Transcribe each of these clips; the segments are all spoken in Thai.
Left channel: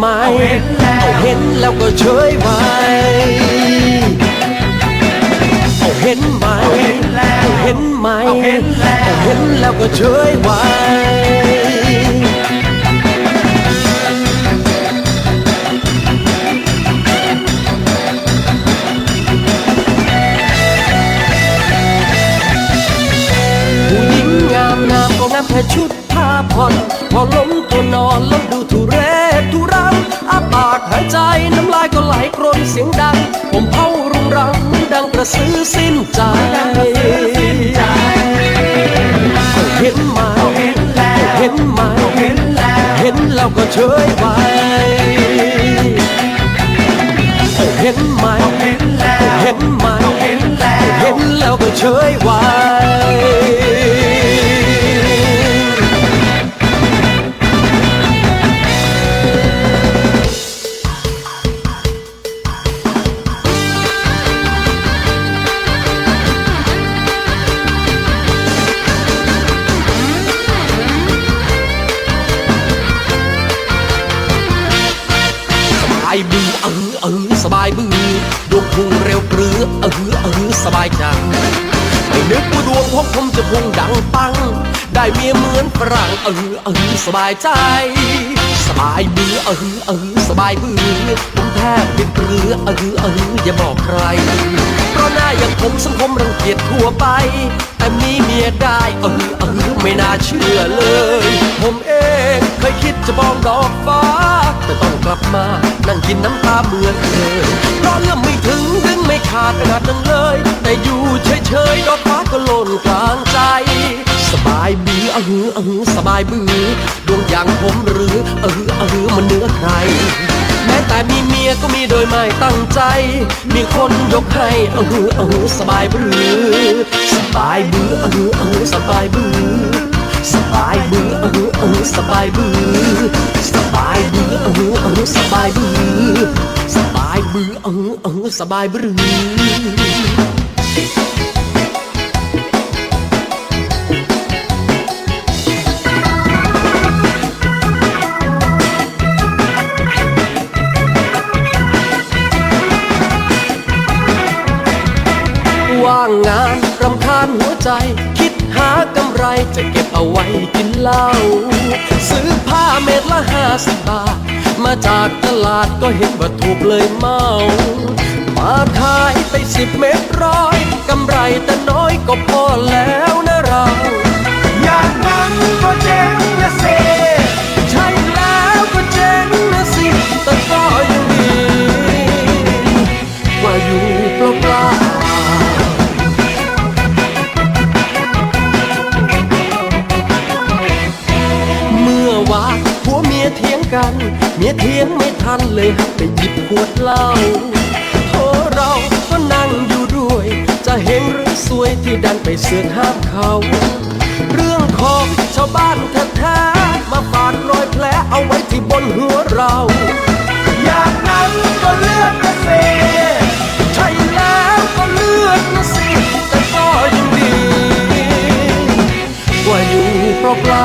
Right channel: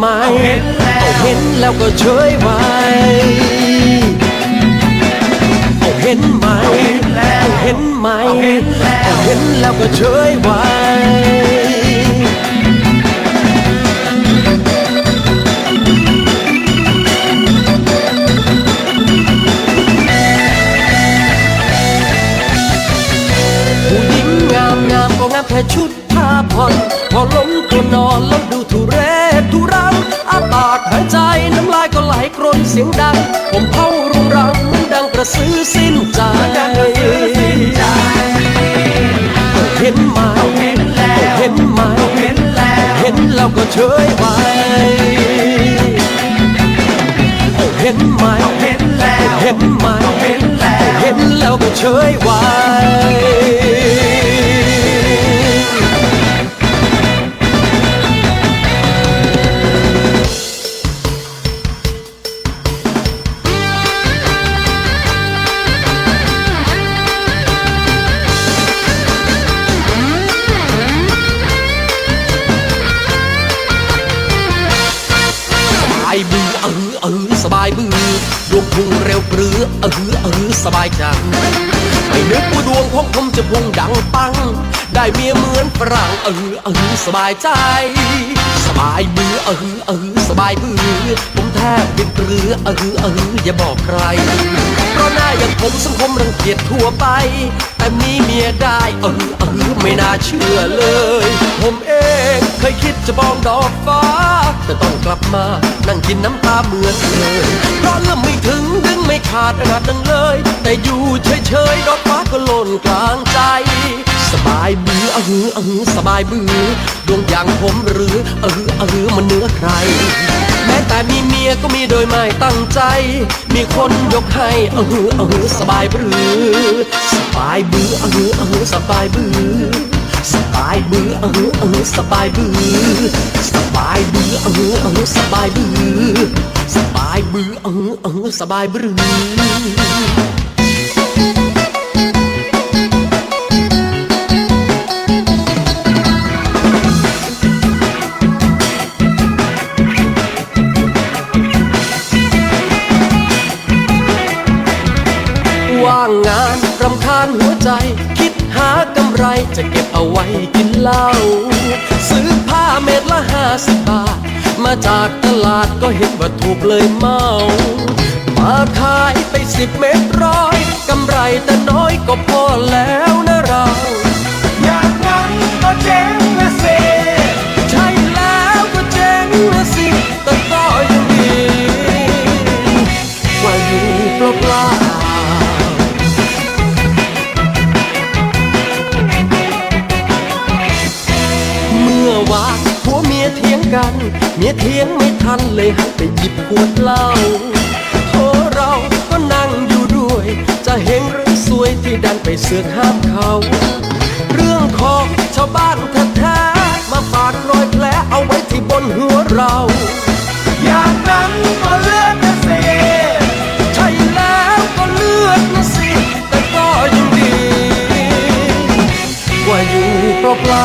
ไหมเอาเห็นแล้วก็เฉยไว้เอาเห็นไหมเห็นไหมเอาเห็นแล้วก็เฉยไว้ผู้หญิงงามงามก็งามแค่ชุดแค่พอพอล้มนอนแล้วดูทุเรศ กลกรนเสียงดัง ผมเผารุงรังดังกระสือสิ้นใจเห็นไหมเห็นไหมเห็นแล้วก็เฉยไปเห็นไหมเห็นไหมเห็นแล้วก็เฉยไว้ อเออเออสบายบือดวงพุ่งเร็วปรือเออเออสบายใจไม่นึกว่าดวงของผมจะพุ่งดังปัง ได้เมียเหมือนฝรั่งเออเออสบายใจ สบายบือเออเออสบายบือผมแทบจะปรือเออเอออย่าบอกใครเพราะหน้าอย่างผมสังคมรังเกียจทั่วไป แต่มีเมียได้เออเออไม่น่าเชื่อเลย ผมเองเคยคิดจะบอกดอกฟ้าแต่ตองก ลับมา นั่งกินน้ำตาเมือนเดิมเพราะเรื่องไม่ถึงดึงไม่ขาดขนาดนั้นเลย แต่อยู่เฉยๆดอกฟ้าก็หล่นกลางใจ สบายบือเออเออสบายบือดวงอย่างผมหรือเออเออมันเหนื้อใครแม้แต่มีเมียก็มีโดยไม่ตั้งใจ มีคนยกให้เออเออสบายบือสบายบือเออเออสบายบือสบายบือเออเออสบายบือ สบายบือสบายบือเออเออสบายบือว่างงานรำแค้นหัวใจ คิดหากำไรจะเก็บเอาไว้กินเหล้า มาจากตลาดก็เห็นว่าถูกเลยเมามาขายไปสิบเม็ดร้อยกำไรแต่น้อยก็พอแล้วนะเราอยางนั้นก็เจ๊งนะสิใช่แล้วก็เจ๊งนะสิแต่ก็ยังดีกว่าอยู่เปล่าๆเมื่อวานผัวเมียเถียงกัน เมียเถียงไม่ทันเลยหันไปหยิบขวดเหล้าโทเราก็นั่งอยู่ด้วย จะเห็นหรือสวยที่ดันไปเสียห้าเขาเรื่องของชาวบ้านแท้ๆมาฝาดรอยแผลเอาไว้ที่บนหัวเราอยางนั้นก็เลือกนะสิใช่แล้วก็เลือกนะสิแต่ก็ยังดีว่าอยู่เปล่า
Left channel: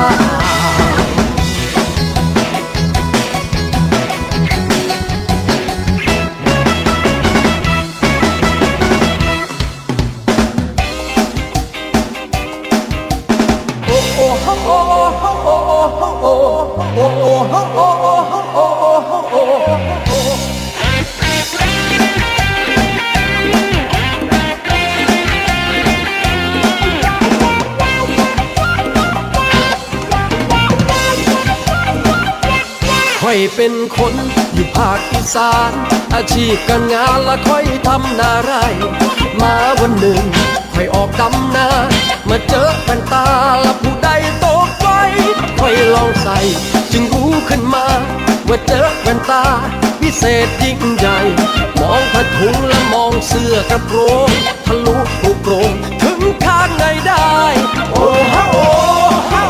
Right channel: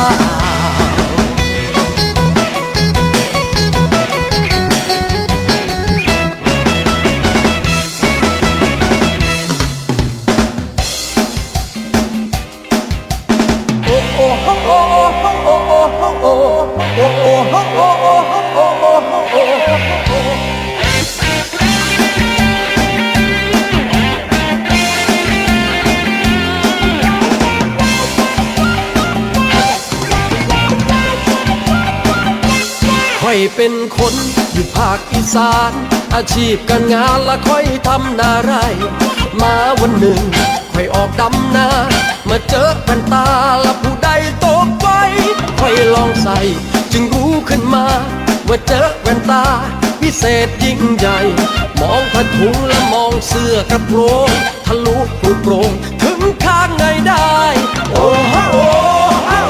ค่อยเป็นคนอยู่ภาคอีสานอาชีพการงานละค่อยทำนาไรมา เศษยิ่งใหญ่ มองผ้าถุงและมองเสื้อกระโปรงทะลุลูโปรงถึงข้างในได้โอ้โห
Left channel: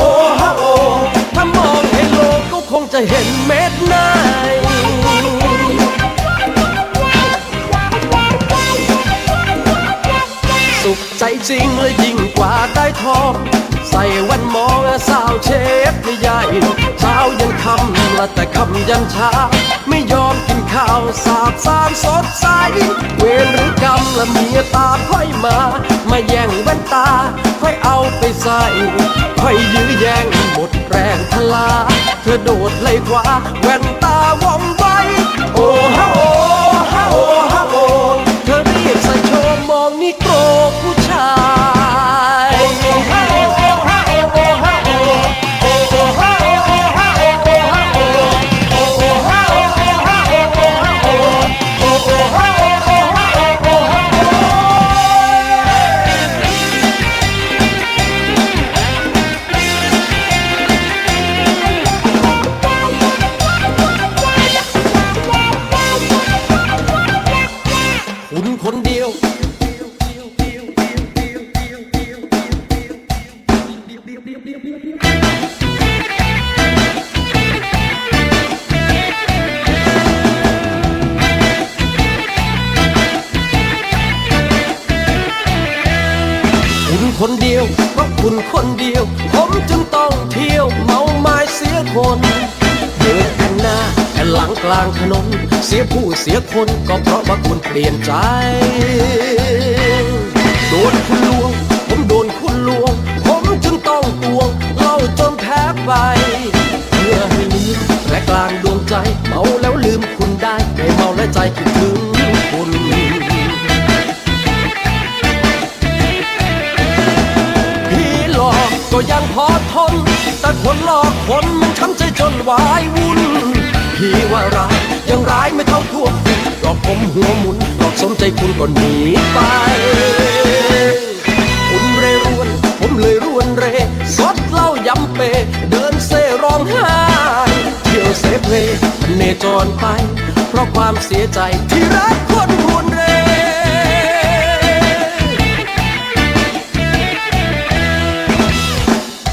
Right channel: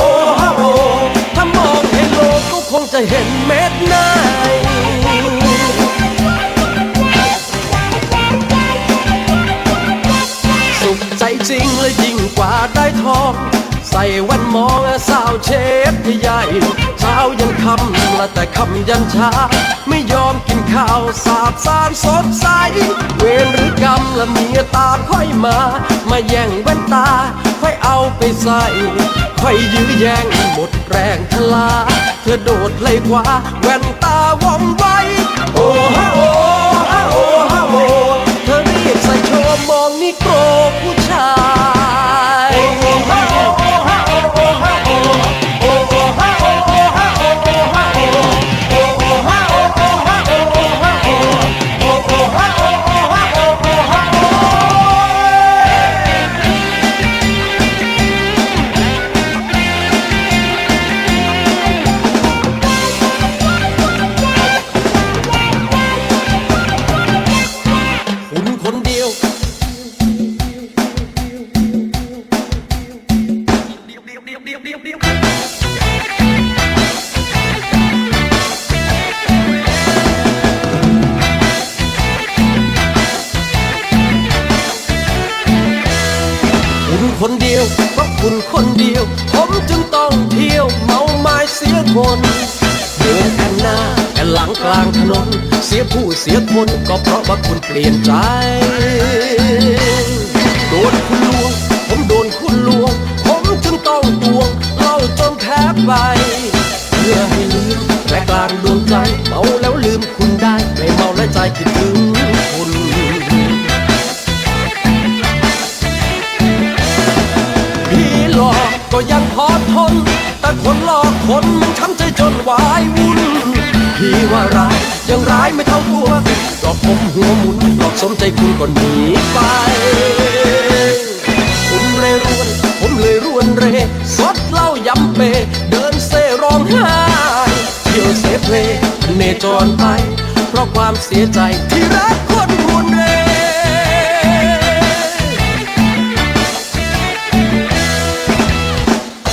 โอ้โหถ้ามองเห็นโลกก็คงจะเห็นเม็ดในใจจริงเลยยิ่งกว่าได้ทอง ใส่แวันมองสาวเชฟใหญ่เช้ายังทำแต่คำยันเช้า ข่าวสาบสารสดใส เวรหรือกรรมละเมียตาค่อยมา มาแย่งแว่นตา ค่อยเอาไปใส่ ค่อยยื้อแย่งหมดแรงพลา เธอโดดเลยคว้าแว่นตาวอมไว้ โอ้ หลังกลางถนนเสียผู้เสียคนก็เพราะว่าคุณเปลี่ยนใจ โดนคุณลวง ผมโดนคุณลวง ผมจึงต้องตวงเล่าจนแพ้ไปเพื่อให้ลืมและกลางดวงใจเมาแล้วลืมคุณได้ไม่เมาและใจคิดถึงคุณพี่หลอกก็ยังพอทน แต่คนหลอกคนมันช้ำใจจนวายวุ่น พี่ว่าเรายังร้ายไม่เท่าพวกหลอกผมหัวหมุนหลอกสมใจคุณก่อนหนีไปคุณเร็วผมเลยรวนเรสดเหล้ายำเปเดินเซร้องไห้เที่ยวเสียเพลเนจรไปเพราะความเสียใจที่รักคน